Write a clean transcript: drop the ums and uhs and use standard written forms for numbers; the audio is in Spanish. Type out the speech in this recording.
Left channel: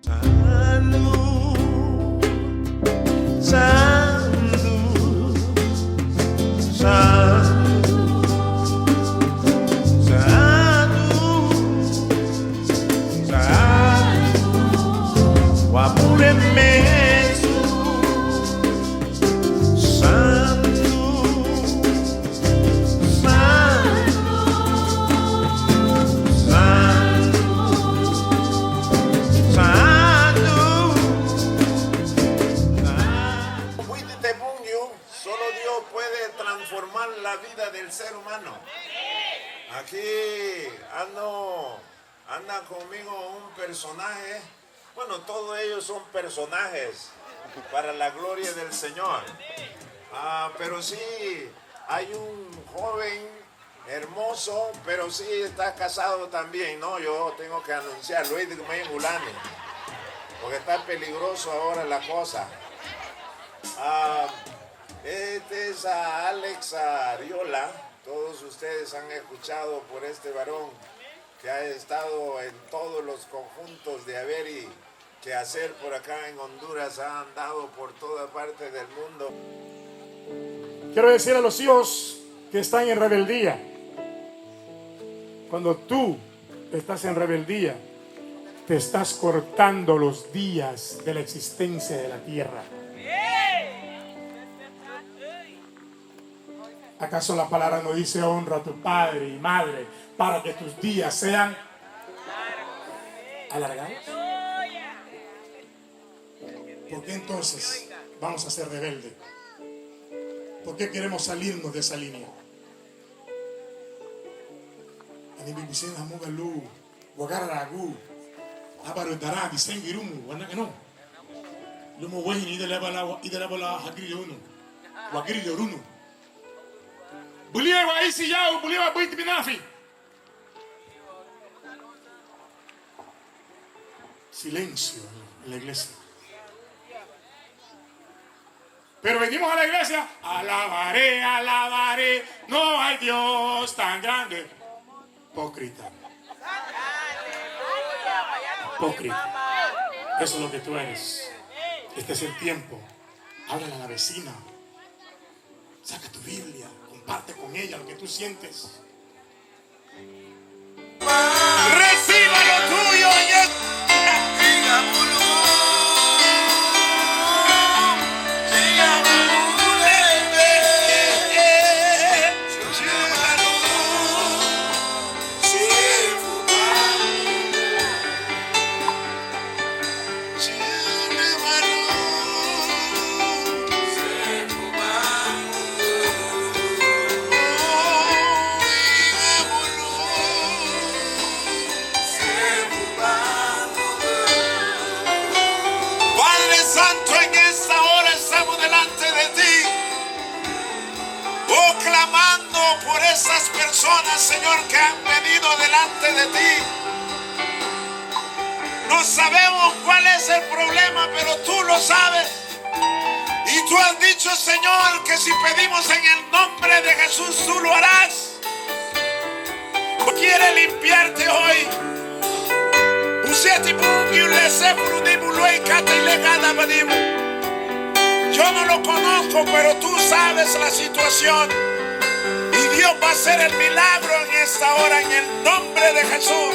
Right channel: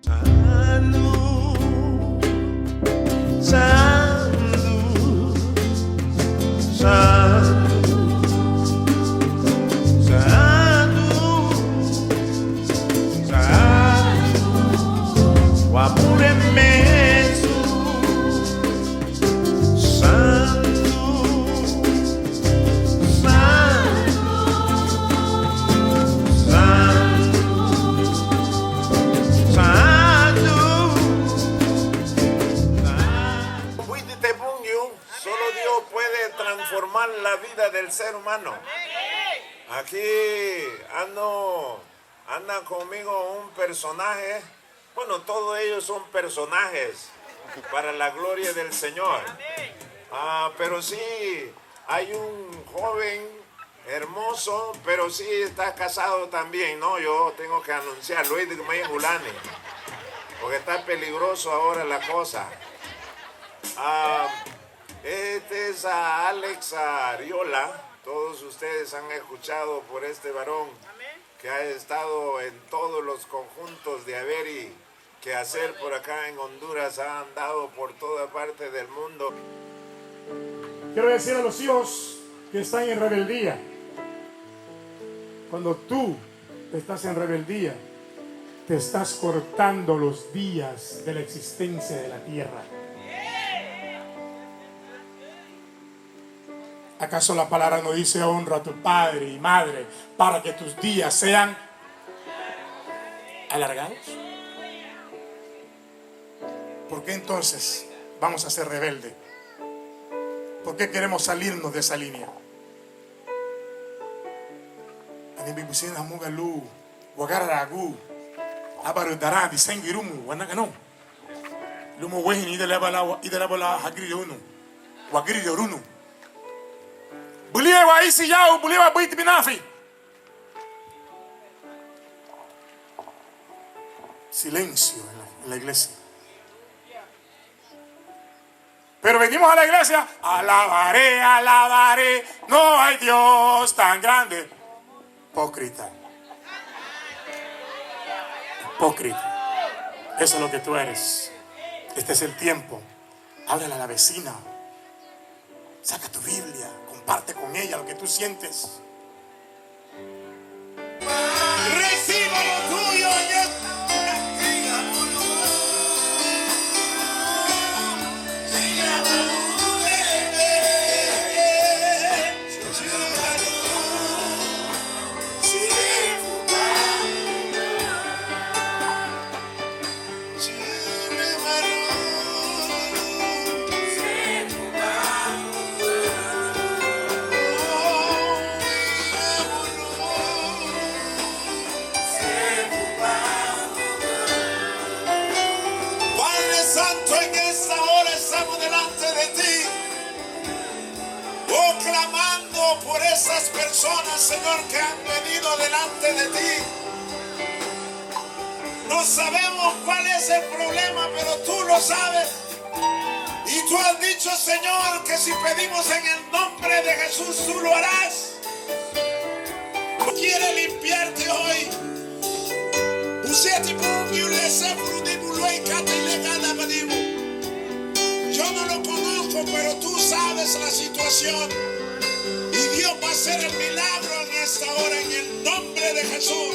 Sandu, Sandu, Sandu, Sandu, Sandu, Wapure Mesu, Sandu, Sandu, Sandu, Sandu. Solo Dios puede transformar la vida del ser humano. Aquí anda conmigo un personaje. Bueno, todos ellos son personajes para la gloria del Señor. Pero sí, hay un joven hermoso, pero sí está casado también, ¿no? Yo tengo que anunciar, Luis de Gulani, porque está peligroso ahora la cosa. Este es Alex Ariola. Todos ustedes han escuchado por este varón que ha estado en todos los conjuntos de haber y que hacer por acá en Honduras. Ha andado por toda parte del mundo. Quiero decir a los hijos que están en rebeldía: cuando tú estás en rebeldía, te estás cortando los días de la existencia de la tierra. ¿Acaso la palabra no dice honra a tu padre y madre para que tus días sean alargados? ¿Por qué entonces vamos a ser rebeldes? ¿Por qué queremos salirnos de esa línea? Silencio en la iglesia. Pero venimos a la iglesia: alabaré, alabaré, no hay Dios tan grande. Hipócrita. Hipócrita. Eso es lo que tú eres. Este es el tiempo. Háblale a la vecina. Saca tu Biblia. Comparte con ella lo que tú sientes. Reciba lo tuyo. Clamando por esas personas, Señor, que han venido delante de ti. No sabemos cuál es el problema, pero tú lo sabes. Y tú has dicho, Señor, que si pedimos en el nombre de Jesús, tú lo harás. Quiere limpiarte hoy. Yo no lo conozco, pero tú sabes la situación. Y Dios va a hacer el milagro en esta hora, en el nombre de Jesús.